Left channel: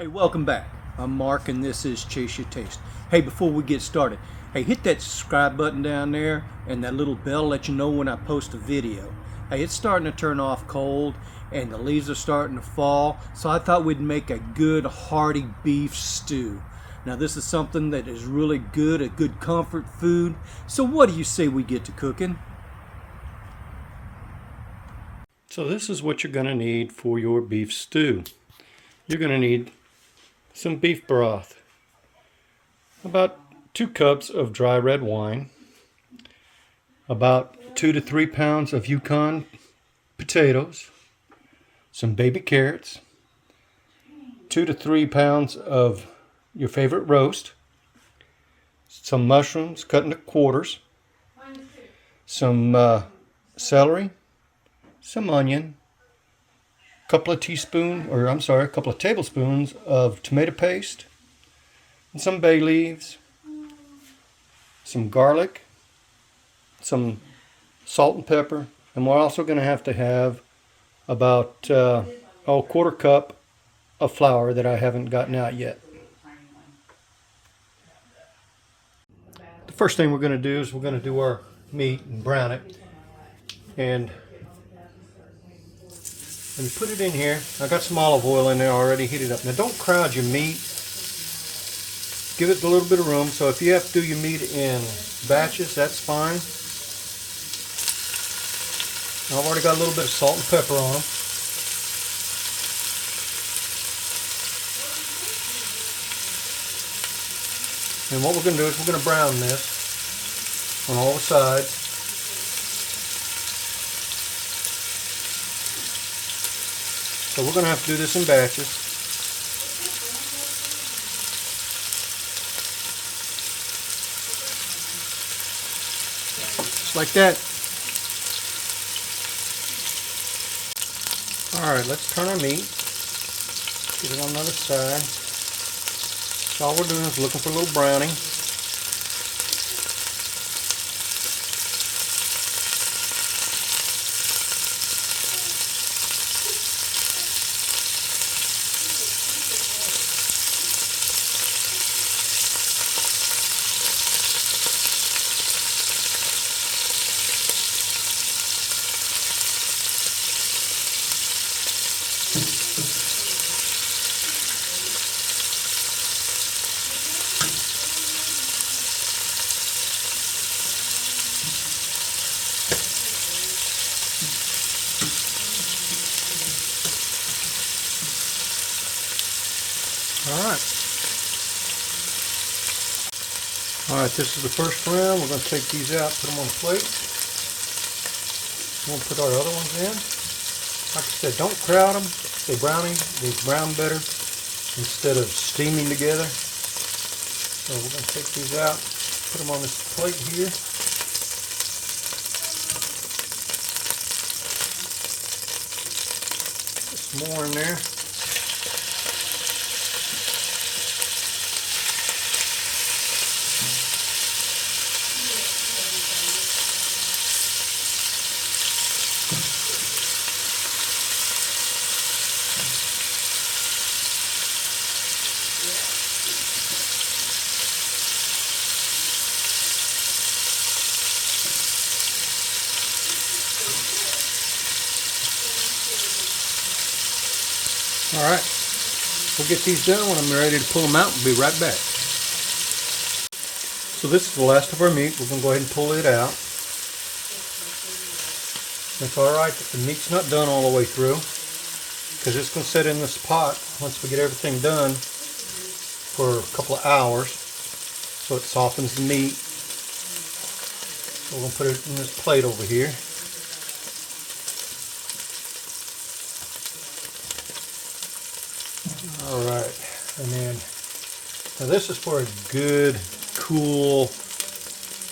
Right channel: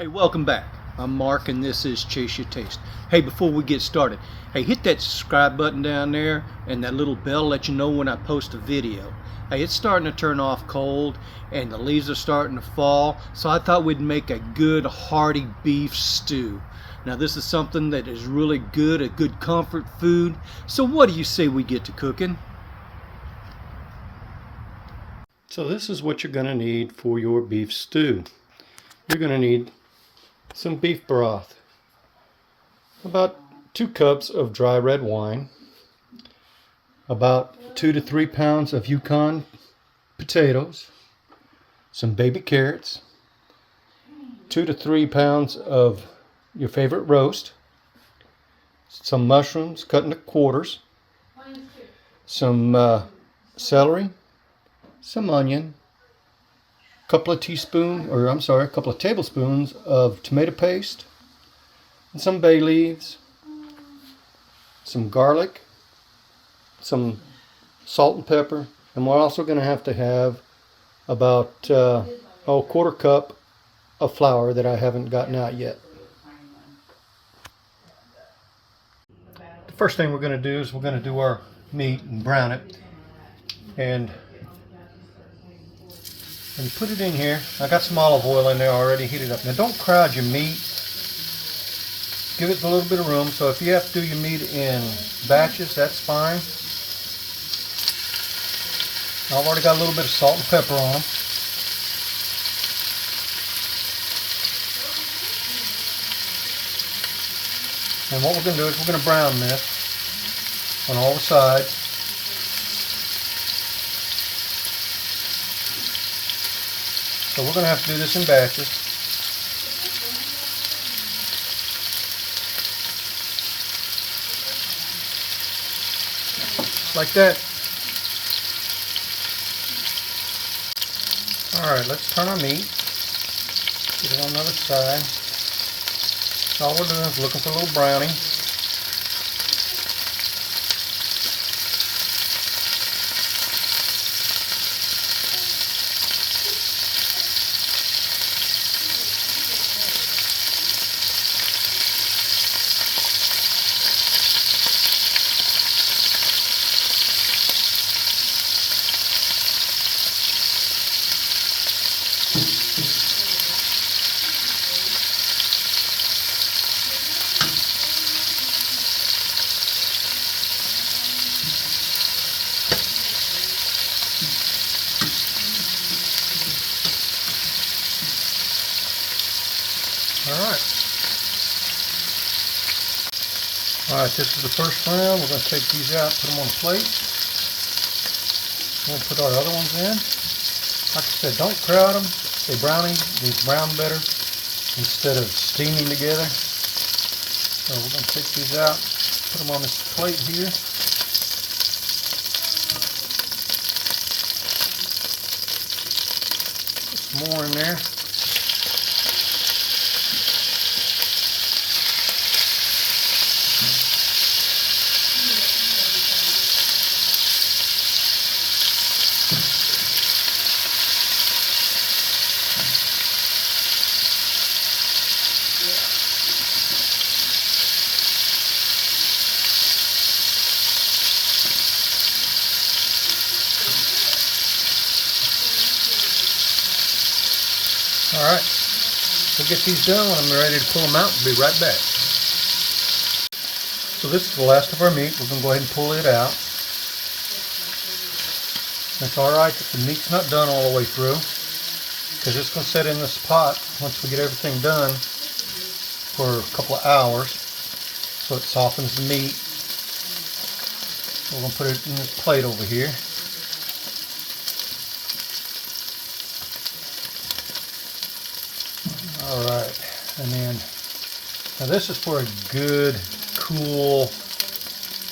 Hey, welcome back. I'm Mark and this is Chase Your Taste. Hey, before we get started, hey, hit that subscribe button down there and that little bell let you know when I post a video. Hey, it's starting to turn off cold and the leaves are starting to fall, so I thought we'd make a good hearty beef stew. Now this is something that is really good, a good comfort food. So what do you say we get to cooking? So this is what you're going to need for your beef stew. You're going to need some beef broth, about 2 cups of dry red wine, about 2 to 3 pounds of Yukon potatoes, some baby carrots, 2 to 3 pounds of your favorite roast, some mushrooms cut into quarters, some celery, some onion, a couple of tablespoons of tomato paste, and some bay leaves, some garlic, some salt and pepper, and we're also going to have about a quarter cup of flour that I haven't gotten out yet. The first thing we're going to do is we're going to do our meat and brown it, and put it in here. I got some olive oil in there already, heat it up. Now don't crowd your meat. Give it a little bit of room. So if you have to do your meat in batches, that's fine. I've already got a little bit of salt and pepper on. And what we're going to do is we're going to brown this on all the sides. So we're going to have to do this in batches. Like that. Alright, let's turn our meat. Get it on the other side. So all we're doing is looking for a little browning. Alright, this is the first round. We're going to take these out, put them on a plate. We're going to put our other ones in. Like I said, don't crowd them. They browning. They brown better instead of steaming together. So we're going to take these out, put them on this plate here. Put some more in there. Alright, we'll get these done when I'm ready to pull them out and be right back. So this is the last of our meat. We're going to go ahead and pull it out. That's alright that the meat's not done all the way through, because it's going to sit in this pot once we get everything done for a couple of hours, so it softens the meat. We're going to put it in this plate over here. Alright, and then, now this is for a good, cool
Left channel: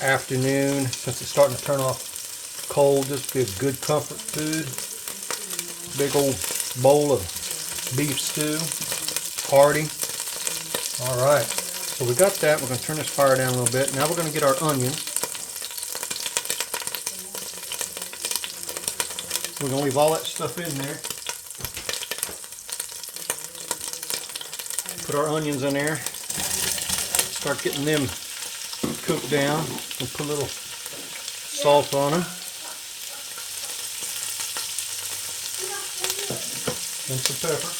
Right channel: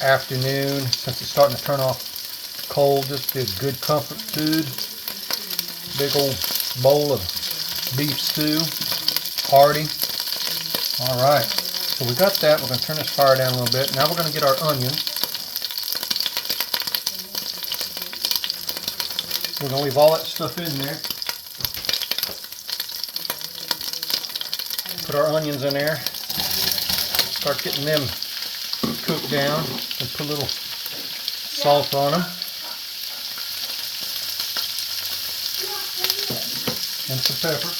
afternoon. Since it's starting to turn off cold, this would be a good comfort food. Big old bowl of beef stew, hearty. Alright, so we got that. We're going to turn this fire down a little bit. Now we're going to get our onions. We're going to leave all that stuff in there. Put our onions in there. Start getting them cooked down. And put a little salt on them. And some pepper.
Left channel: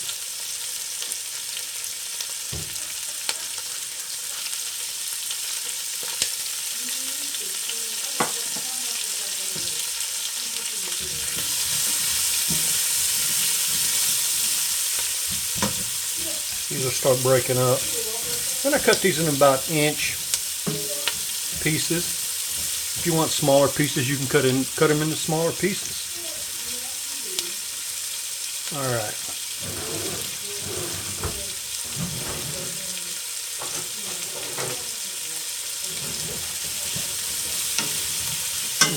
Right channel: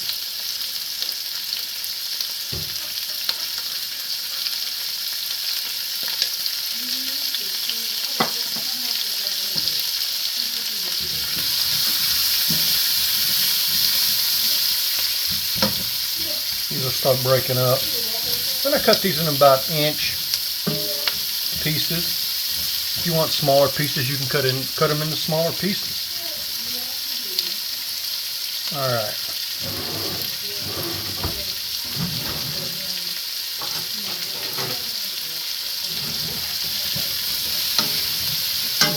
These will start breaking up. I'm going to cut these in about inch pieces. If you want smaller pieces, you can cut them into smaller pieces. All right.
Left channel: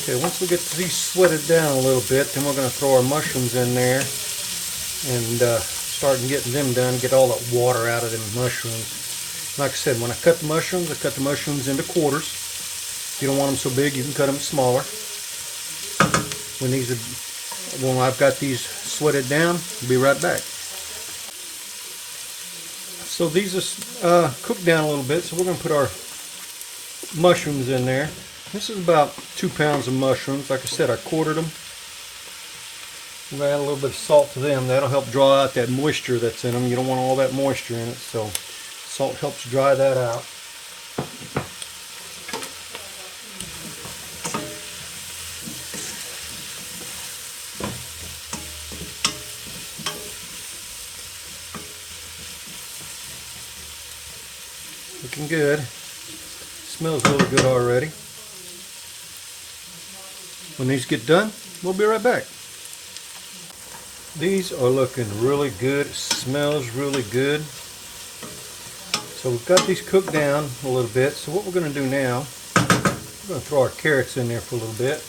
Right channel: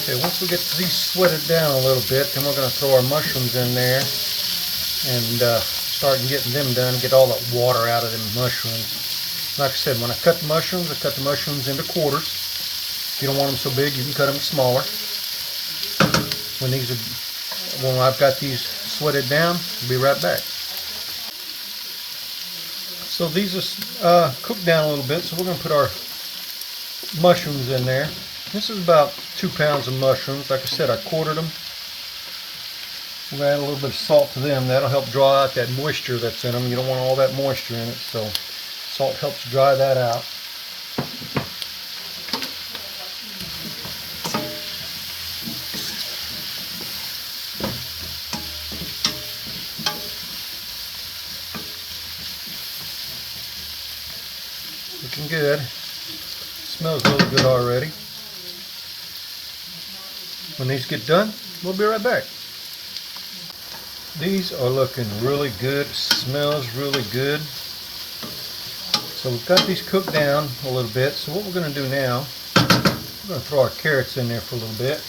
Okay, once we get these sweated down a little bit, then we're going to throw our mushrooms in there and start getting them done, get all that water out of them mushrooms. Like I said, when I cut the mushrooms into quarters. If you don't want them so big, you can cut them smaller. When I've got these sweated down, I'll be right back. So these are cooked down a little bit, so we're going to put our mushrooms in there. This is about 2 pounds of mushrooms. Like I said, I quartered them. I'm going to add a little bit of salt to them. That'll help draw out that moisture that's in them. You don't want all that moisture in it, so salt helps dry that out. Looking good. Smells really good already. When these get done, we'll be right back. These are looking really good. It smells really good. So we've got these cooked down a little bit. So what we're going to do now, we're going to throw our carrots in there for a little bit.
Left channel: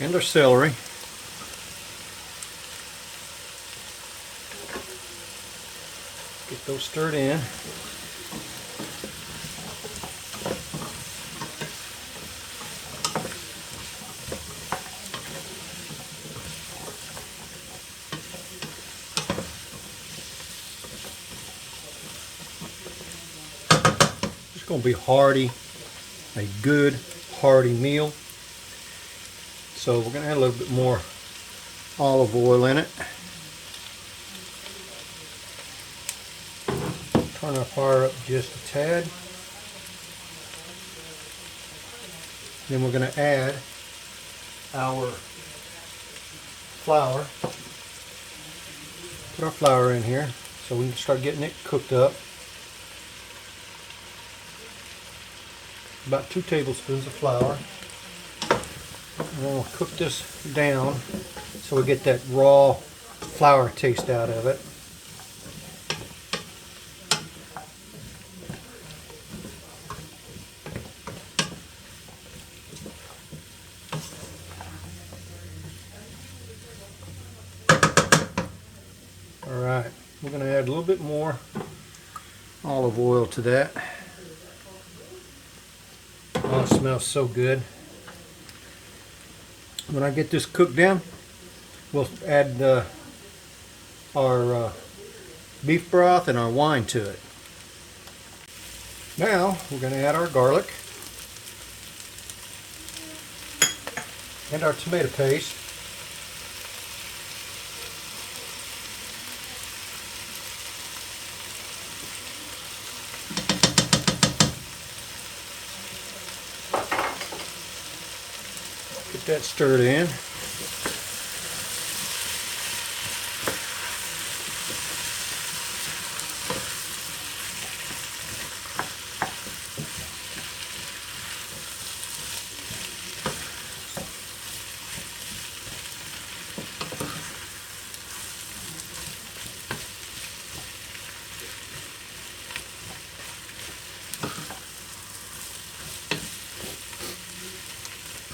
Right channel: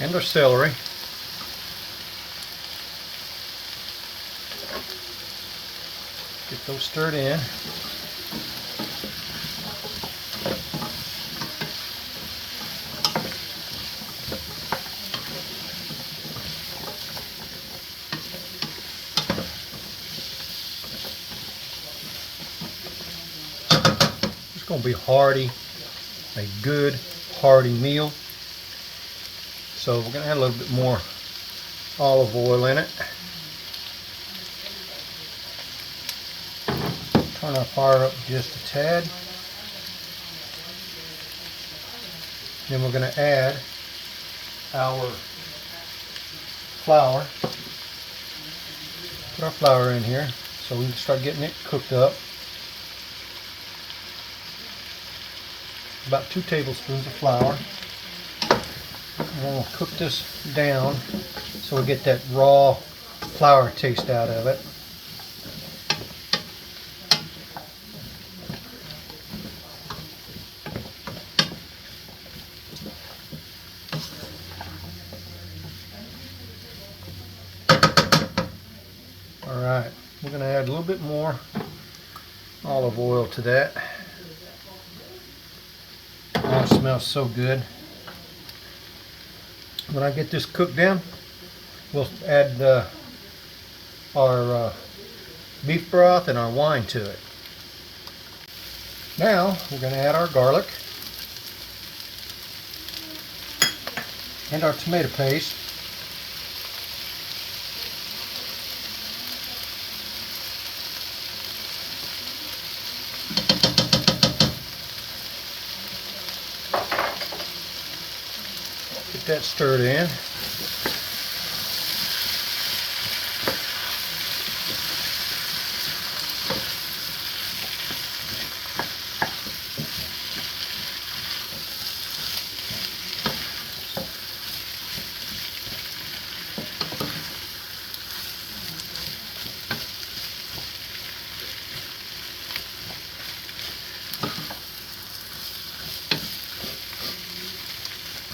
And our celery. Get those stirred in. It's going to be hearty, a good hearty meal. So we're going to add a little bit more olive oil in it. Turn our fire up just a tad. Then we're going to add our flour. Put our flour in here so we can start getting it cooked up. About 2 tablespoons of flour. And then we'll cook this down so we get that raw flour taste out of it. Alright, we're going to add a little bit more olive oil to that. Oh, it smells so good. When I get this cooked down, we'll add our beef broth and our wine to it. Now we're going to add our garlic and our tomato paste. Get that stirred in.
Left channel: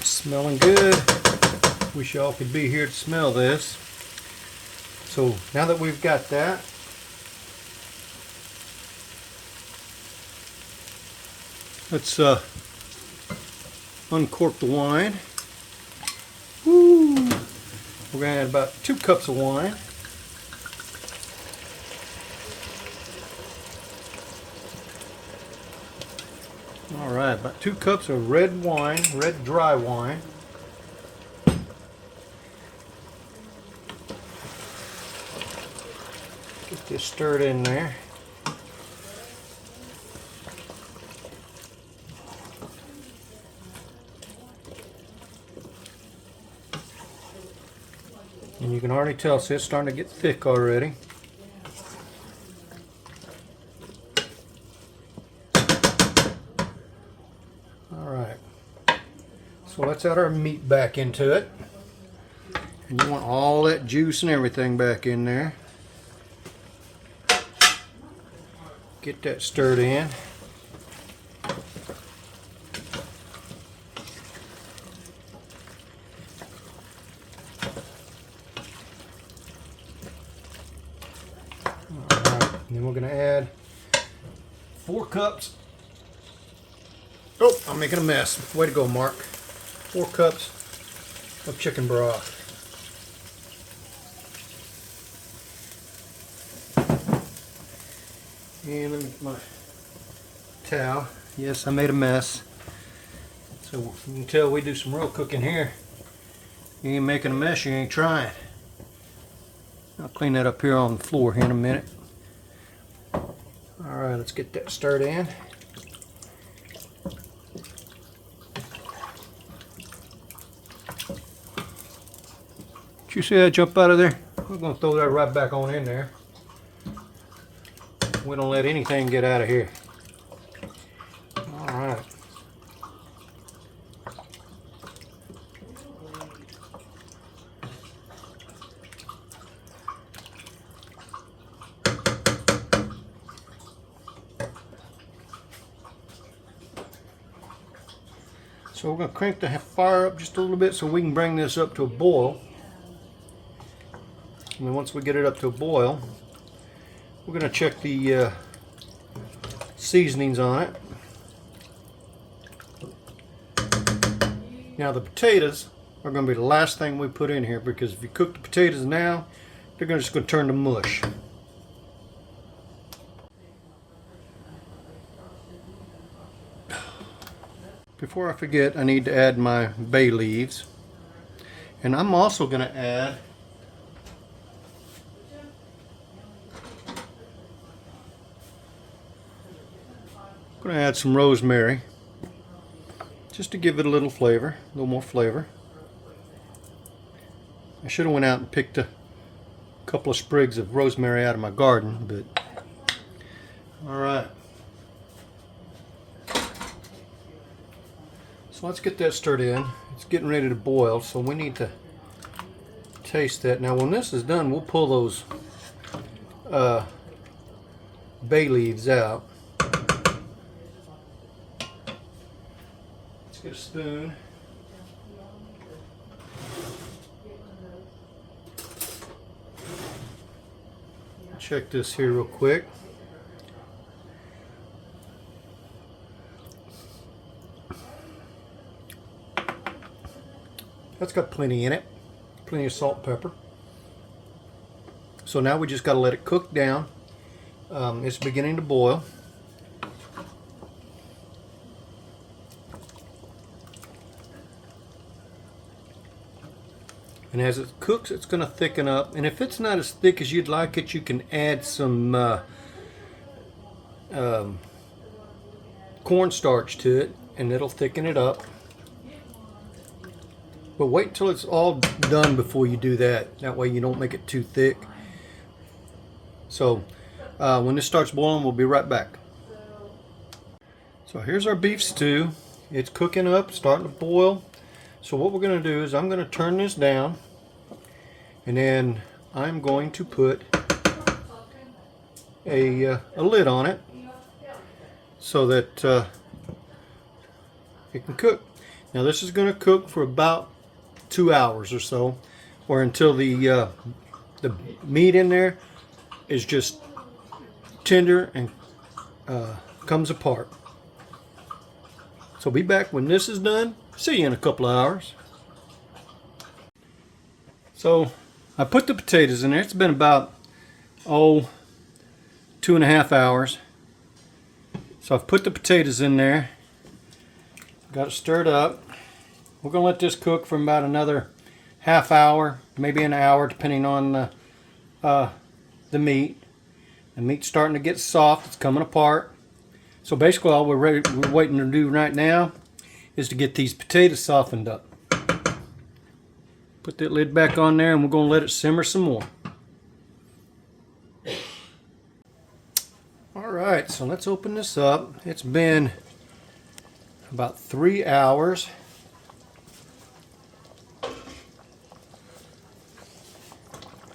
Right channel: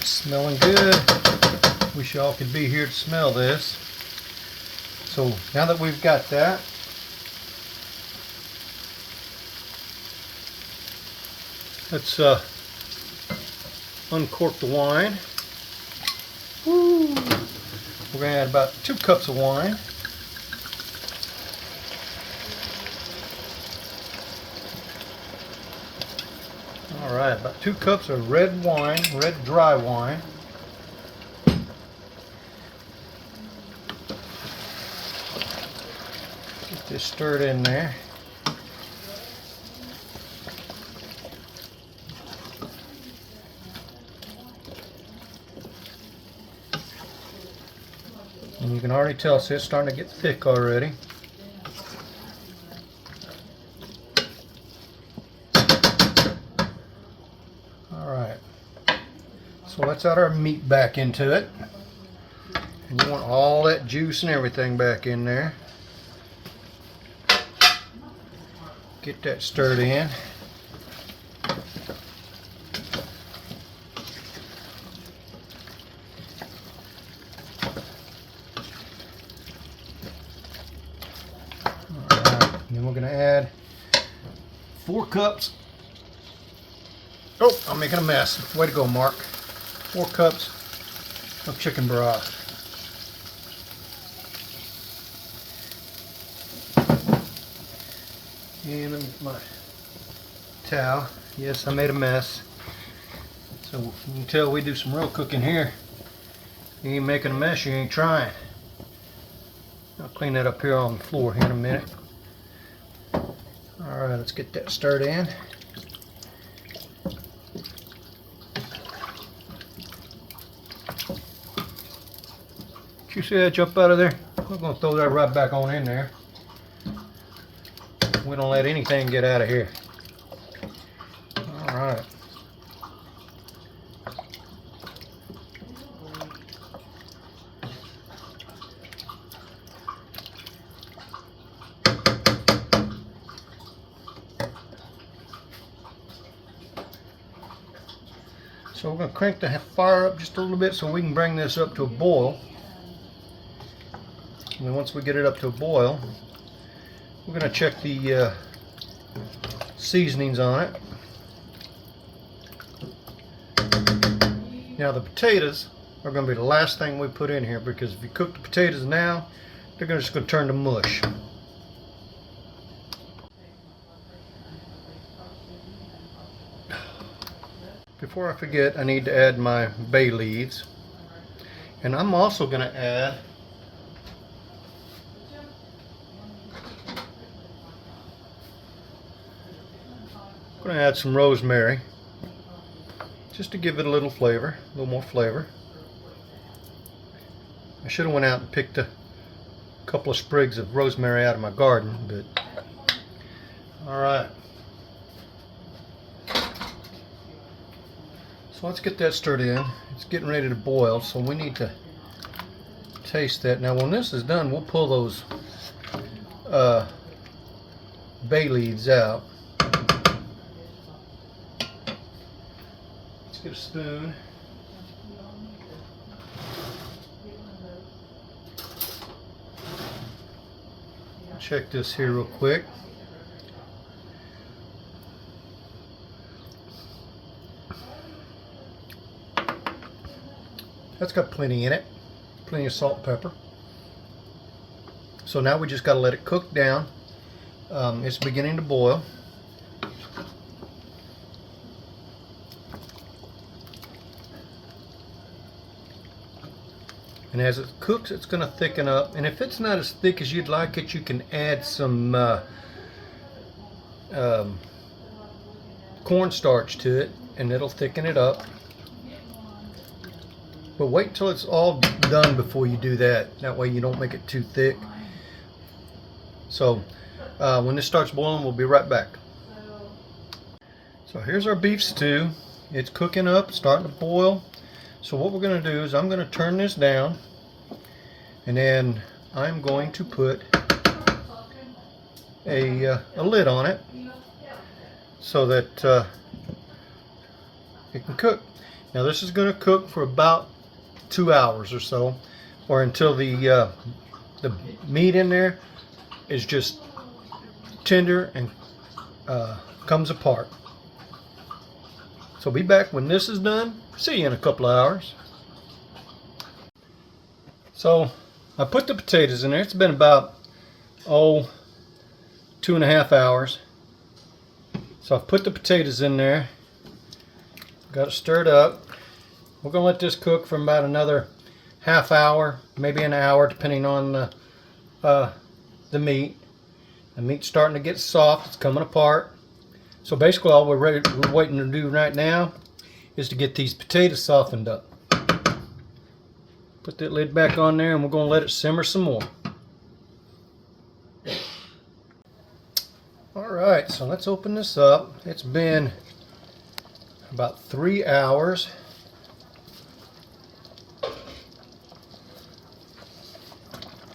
Smelling good. Wish y'all could be here to smell this. So now that we've got that, Let's uncork the wine. Woo. We're going to add about 2 cups of wine. All right, about 2 cups of red wine, red dry wine. Get this stirred in there. And you can already tell, see, it's starting to get thick already. Alright, so let's add our meat back into it. And you want all that juice and everything back in there. Get that stirred in. And then we're going to add 4 cups. Oh, I'm making a mess. Way to go, Mark. 4 cups of chicken broth. And let me get my towel. Yes, I made a mess. So you can tell we do some real cooking here. You ain't making a mess, you ain't trying. I'll clean that up here on the floor here in a minute. Alright, let's get that stirred in. Did you see that jump out of there? We're going to throw that right back on in there. We don't let anything get out of here. Alright. So we're going to crank the fire up just a little bit so we can bring this up to a boil. And then once we get it up to a boil, we're going to check the seasonings on it. Now the potatoes are going to be the last thing we put in here, because if you cook the potatoes now, they're just going to turn to mush. Before I forget, I need to add my bay leaves. And I'm also going to add some rosemary, just to give it a little flavor, a little more flavor. I should have went out and picked a couple of sprigs of rosemary out of my garden, but alright. So let's get that stirred in. It's getting ready to boil, so we need to taste that. Now when this is done, we'll pull those bay leaves out. Let's get a spoon. Check this here real quick. That's got plenty in it, plenty of salt and pepper. So now we just got to let it cook down. It's beginning to boil. And as it cooks, it's going to thicken up. And if it's not as thick as you'd like it, you can add some cornstarch to it, and it'll thicken it up. But wait until it's all done before you do that. That way you don't make it too thick. So when this starts boiling, we'll be right back. So here's our beef stew. It's cooking up, starting to boil. So what we're going to do is I'm going to turn this down, and then I'm going to put a lid on it so that it can cook. Now this is going to cook for about 2 hours or so, or until the meat in there is just tender and comes apart. So be back when this is done. See you in a couple of hours. So I put the potatoes in there. It's been about 2.5 hours. So I've put the potatoes in there. Got it stirred up. We're going to let this cook for about another half hour, maybe an hour, depending on the meat. The meat's starting to get soft. It's coming apart. So basically all we're waiting to do right now is to get these potatoes softened up. Put that lid back on there and we're going to let it simmer some more. Alright, so let's open this up. It's been about 3 hours.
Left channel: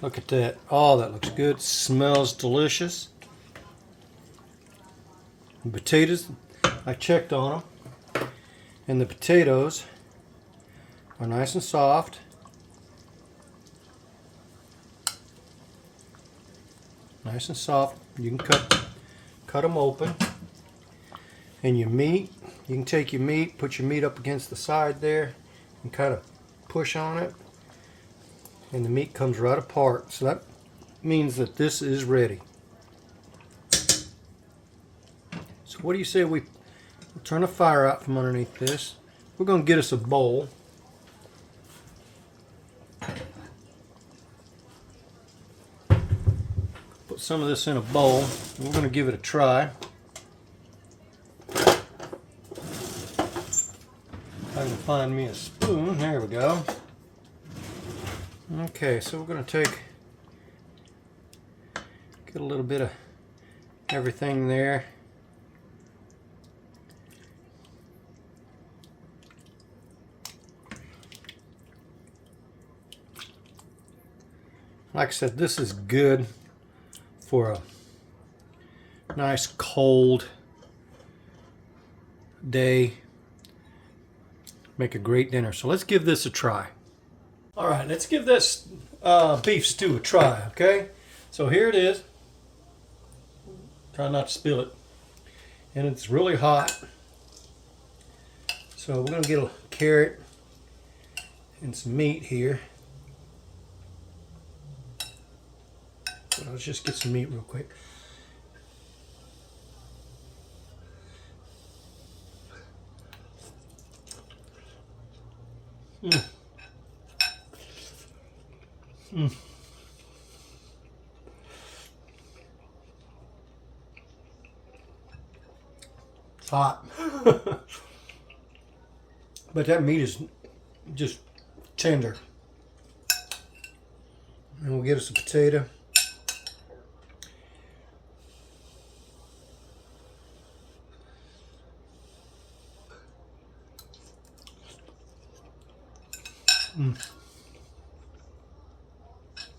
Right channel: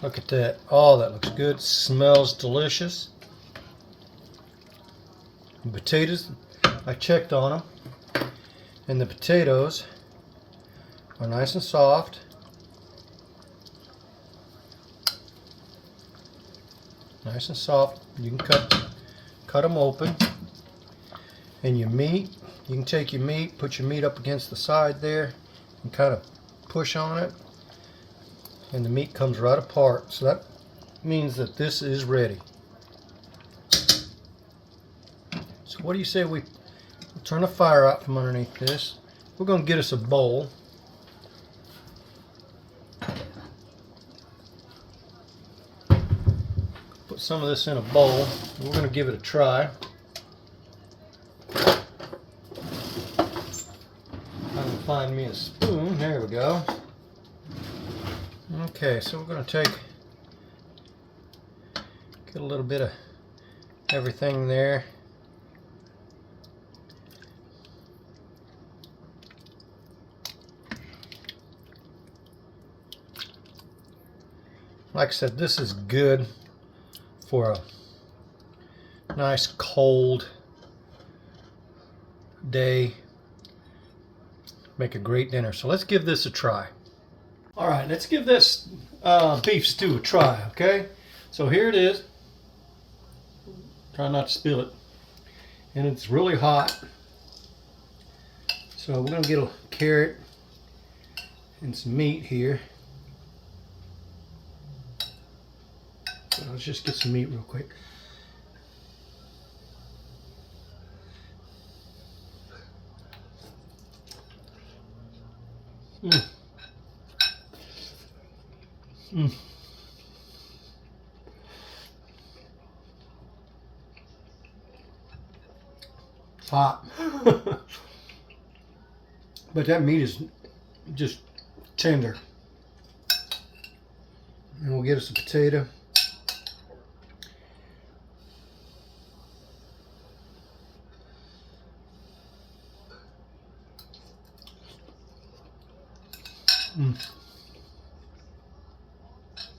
Look at that. Oh, that looks good. Smells delicious. The potatoes, I checked on them, and the potatoes are nice and soft. Nice and soft. You can cut them open. And your meat, you can take your meat, put your meat up against the side there, and kind of push on it. And the meat comes right apart. So that means that this is ready. So what do you say we turn the fire out from underneath this? We're going to get us a bowl. Put some of this in a bowl. We're going to give it a try. I can find me a spoon. There we go. Okay, so we're going to get a little bit of everything there. Like I said, this is good for a nice cold day. Make a great dinner. So let's give this a try. All right, let's give this beef stew a try, okay? So here it is. Try not to spill it. And it's really hot. So we're going to get a carrot and some meat here. So let's just get some meat real quick. It's hot. But that meat is just tender. And we'll get us a potato.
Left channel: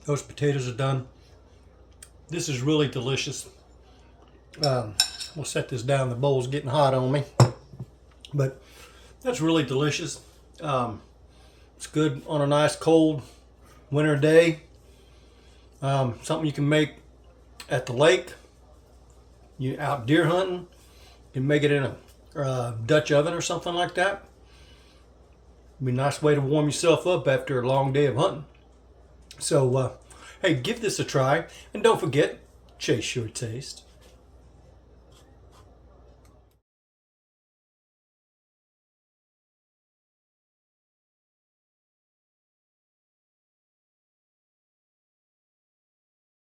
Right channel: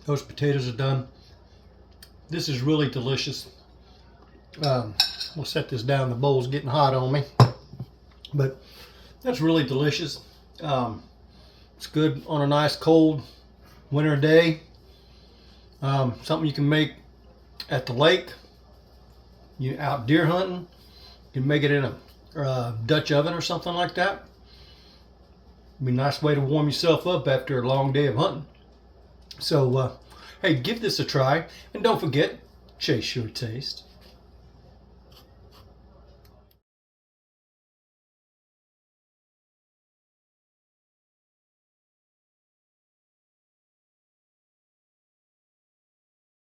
Those potatoes are done. This is really delicious. We'll set this down. The bowl's getting hot on me. But that's really delicious. It's good on a nice cold winter day. Something you can make at the lake. You out deer hunting. You can make it in a Dutch oven or something like that. Be a nice way to warm yourself up after a long day of hunting. So, hey, give this a try. And don't forget, chase your taste.